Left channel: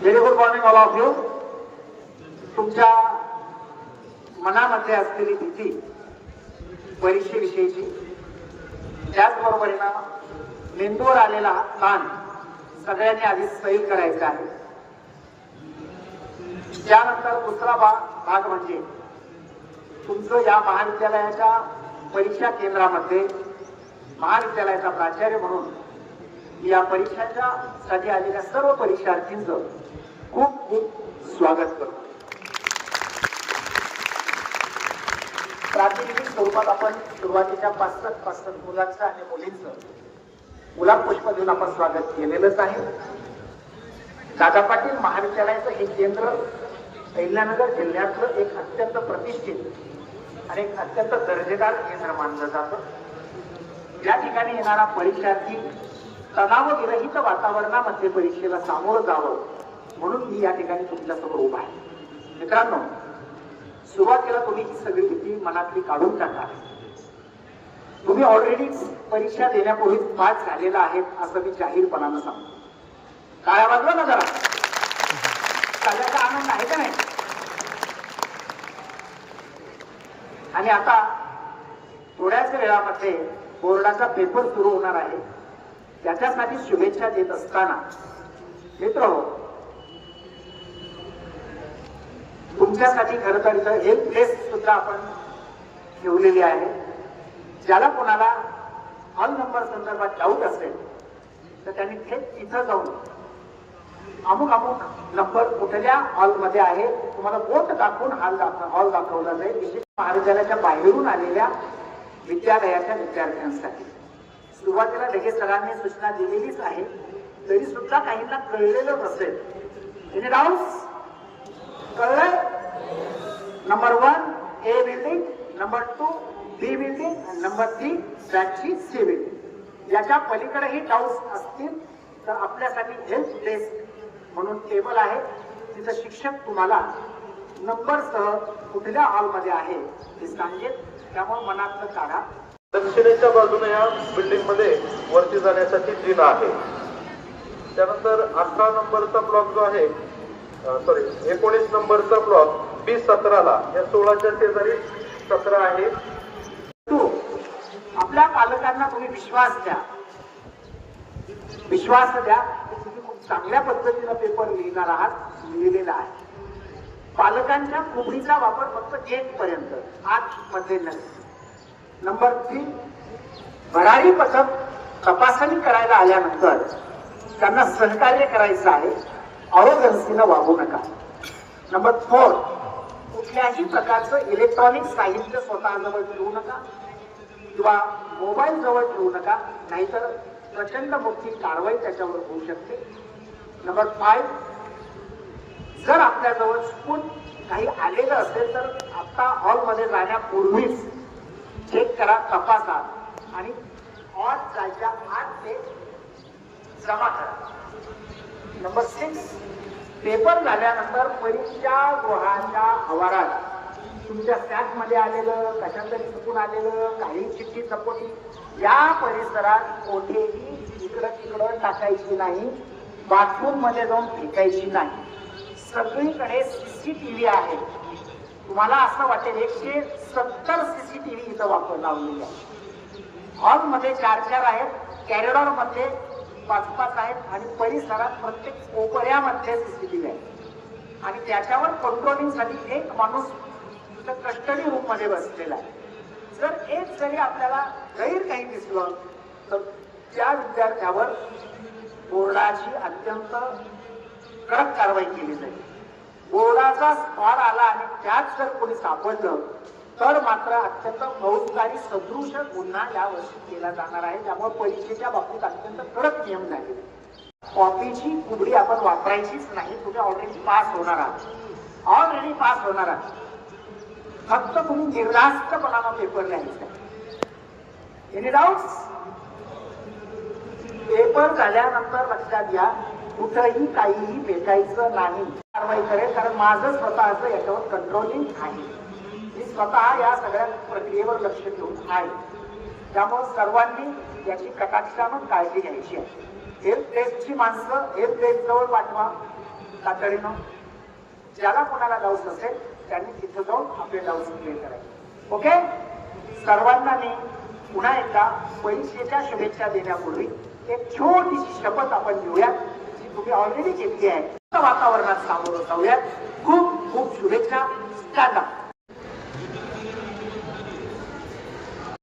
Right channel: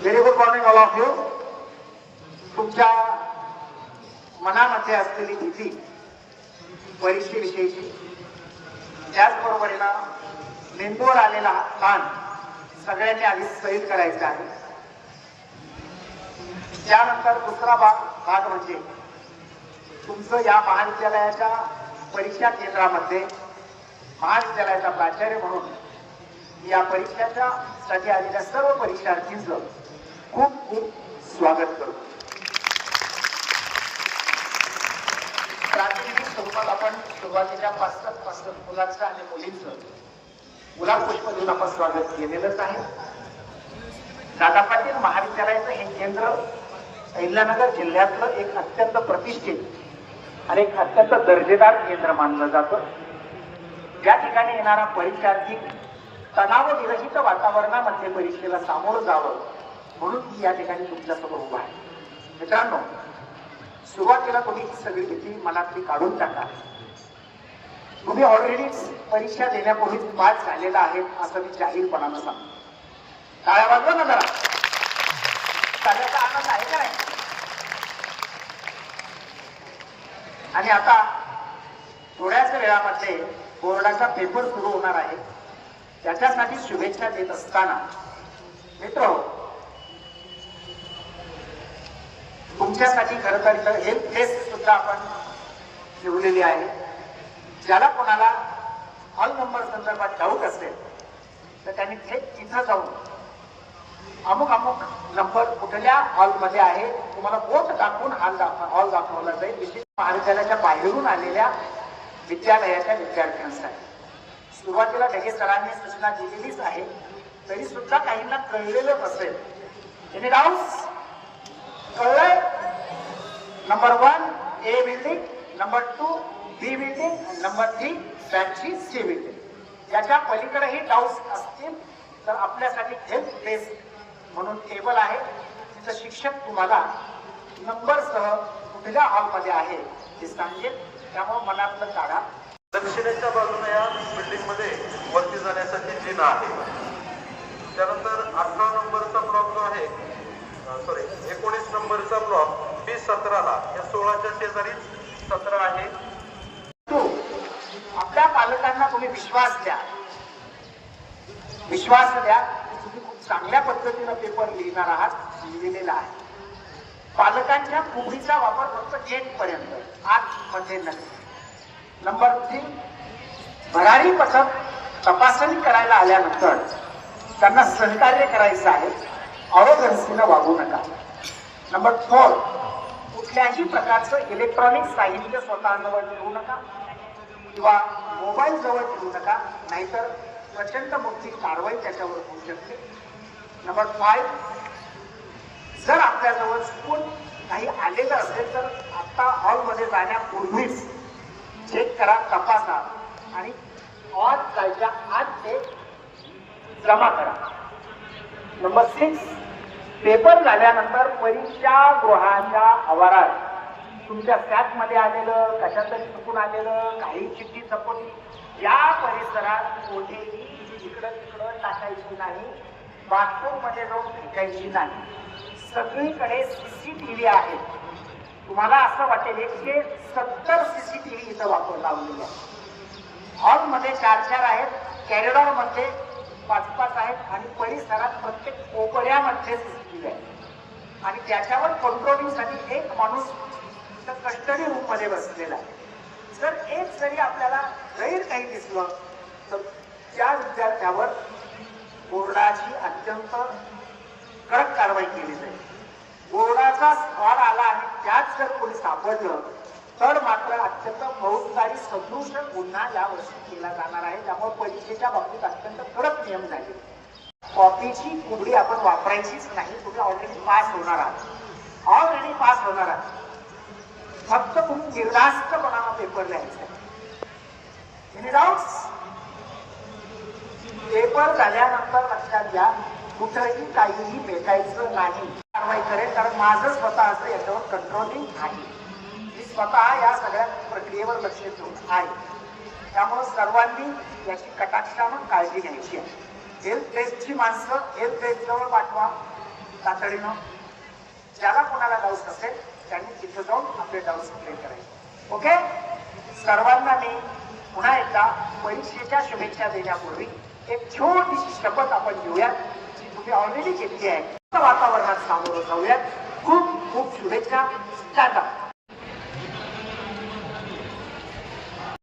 Very good morning all of you तुमच्या मनामध्ये असलेली भीती परीक्षेविषयीची त्याचबरोबरीनं मेंदूवर आलेला हा ताण सगळ्यांनी आधी सैल करायचा आहे. त्यानंतर दुसरा भाग भाग म्हणजे तुमचं या महाविद्यालयाच्या परीक्षा केंद्रामध्ये महाविद्यालयाचा प्राचार्य म्हणून या परीक्षाच्या साठी आलेल्या सर्व परीक्षार्थींचं खूप खूप स्वागत करतो. प्रातिनिधिक स्वरूपात आपण सुरुवातीच्या पाच पाचसात मुलांचं आणि मुलींचं गुलाब पुष्प देऊन आपण स्वागत केलेलंच आहे. दादा पाटील महाविद्यालयाचं हे केंद्र अहिल्यानगर जिल्ह्यातलं एक अत्यंत प्रतिष्ठित आणि एक अत्यंत दर्जेदार केंद्र मानलं जातं. ज्या ठिकाणी येणारा परीक्षार्थी तणावविरहित वातावरणामध्ये परीक्षेला सामोरं जावं म्हणून मी या ठिकाणी तुमच्यासमोर उभा आहे. मित्रांनो सुरुवातीला तुम्ही ही सगळी भीती मनातली काढून टाका. तुम्ही ऑलरेडी परीक्षा देण्यापूर्वी पास झालेला आहे असं मी जाहीरपणानं सांगतो. टाळ्या वाजवा ना जरा. त्याचा आनंद आहे का नाही? आणि आता थोड्याच वेळामध्ये बोर्डाचा पेपर सुरू होणार आहे. त्याच्यासाठी शुभेच्छा देत असताना मित्र हो, तुमच्यासाठी खरं तर इथं हेल्प डेस्क सुद्धा आपण ठेवलेली आहे. ज्याला कोणाला हॉल नंबर संदर्भात डाऊट असेल तर त्यांनी थेट तिथं जाऊन अमुक अमुक नंबर कुठल्या हॉलमध्ये आहे तुम्हाला बोट दाखवून हॉल दाखव हॉल दाखवला जाईल. विशेष महाविद्यालयाच्या बाहेरून आलेल्या विद्यालयाच्या विद्यार्थ्यांसाठी. सुरुवातीला ढगे सरांनी सूचना दिलेलीच आहे. तरी सुद्धा काहींना कळलेलं नसेल. Any doubts कळलंय? Number one A building number two B building आणि नंबर थ्री बॅटची सी बिल्डिंग याच्या पलीकडेही डाऊट्स असतील तर आपल्यासाठी हेल्प डेस्क म्हणून टेबल आहे. तिथं शिक्षक तुम्हाला नंबरसह कुठल्या हॉलमध्ये आहे ते सांगेल. त्यामुळे मनातलं काढा. दक्षिणेच्या बाजूने या बिल्डिंगमध्ये वरती जाण्यासाठी जिना आहे. त्यानंतर अठरा नंबरचा ब्लॉक जो आहे सॉरी एकोणीस नंबरचा ब्लॉक बी सतराला या सोळाच्या शेजारी सतरा आहे. तू आपल्या पालकांना तुम्ही विश्वास द्या. विश्वास द्या की तुम्ही खूप चांगल्या पद्धतीनं पेपर लिहिणार आहात लिहिलेला आहे. पालकांच्या कुबडीचा वापर फक्त गेट पर्यंत आत मध्ये नव्हे. नंबर थ्री भरारी पथक तपासणी करायला आल्यानंतर त्यांना सहकार्य करायचं आहे अरोगन्सीनं वागू नका. नंबर फोर कुठल्याही प्रकारचं इलेक्ट्रॉनिक साहित्य स्वतःजवळ ठेवू नका किंवा मोबाईल जवळ ठेवू नका नाहीतर प्रचंड मोठी कारवाई त्याच्यावर होऊ शकते. नंबर फाय जर आपल्याजवळ चुकून काही आलेलं असेल तर आत्ता हॉलमध्ये जाण्यापूर्वीच चेक करा तपासा. आणि आज जायच्या आत ते जमा करा. नंबर सिक्स पेपर झाल्यानंतर परीक्षा गृहाच्या आवारात तुमच्या सॅटमध्ये आलेलं कशा तरी चुकून आलेलं काही चिठ्ठी चपोटी या परिसरात कोठेही इकडं तिकडं टाकायची नाही बाथरूममध्ये जाऊन फेकायची नाही. सगळीकडे सी सी टी व्ही आहे. तुम्हाला असं वाटेल एकशे सत्तर सीसीटीव्ही वापर लावलेला आहे. हॉलमध्ये चार चार आहेत कॅरिडॉरमध्ये पाच पाच आहेत आणि परिसरात प्रत्येक कोपऱ्यामध्ये सीसीटीव्ही आहे. आणि त्याच्यावर कंट्रोलिंगसाठी एक माणूस कस्टडी रूममध्ये बसलेला आहे. जर एक जरी आपल्याला गैर काही दिसलं तर त्या विद्यार्थ्यावर बोर्डाची अत्यंत कडक कारवाई केली जाईल. बोर्डाचा स्पॉट आला आणि त्याच जर कोणी सापडलं तर मात्र अत्यंत फौजदारी सदृश गुन्हा या वर्षी केला जाणार आहे. त्यामुळे परीक्षेच्या बाबतीत अत्यंत कडक नियम झाले. कॉपीची कुबडी आपण वापरायचीच नाही. तुम्ही ऑलरेडी पास होणार आहात. ऑलरेडी पास होणार आहात. फक्त तुम्ही निर्धास्तपणानं पेपर लिहायचा एनी डाऊट्स पेपर झाल्यानंतर लक्षात घ्या कुठंही काहीही फेकायचं नाही. कारवाई करेल कारण माझं स्वतःचं याच्यावर कंट्रोलिंग आहे. स्वतः या सगळ्या प्रक्रियेवर लक्ष ठेवून आहे. त्यामुळं सर्वांनी याची कटाक्षानं काळजी घ्यायची आहे. हेल्थ टेस्टची माणसं हेल्थ टेस्ट जवळ पाठवा तातडीनं. ज्याला कोणाला डाऊट नसेल त्यांनी तिथं जाऊन आपले डाऊट क्लिअर करायचे. ओके सर्वांना मी पुन्हा एकदा परीक्षेच्या शुभेच्छा देण्यापूर्वी एक छोटीशी शपथ आपण घेऊयात जी तुम्ही ऑलरेडी घेतली आहे. वातावरणात सामोरं जाऊयात. खूप खूप शुभेच्छा. Stand up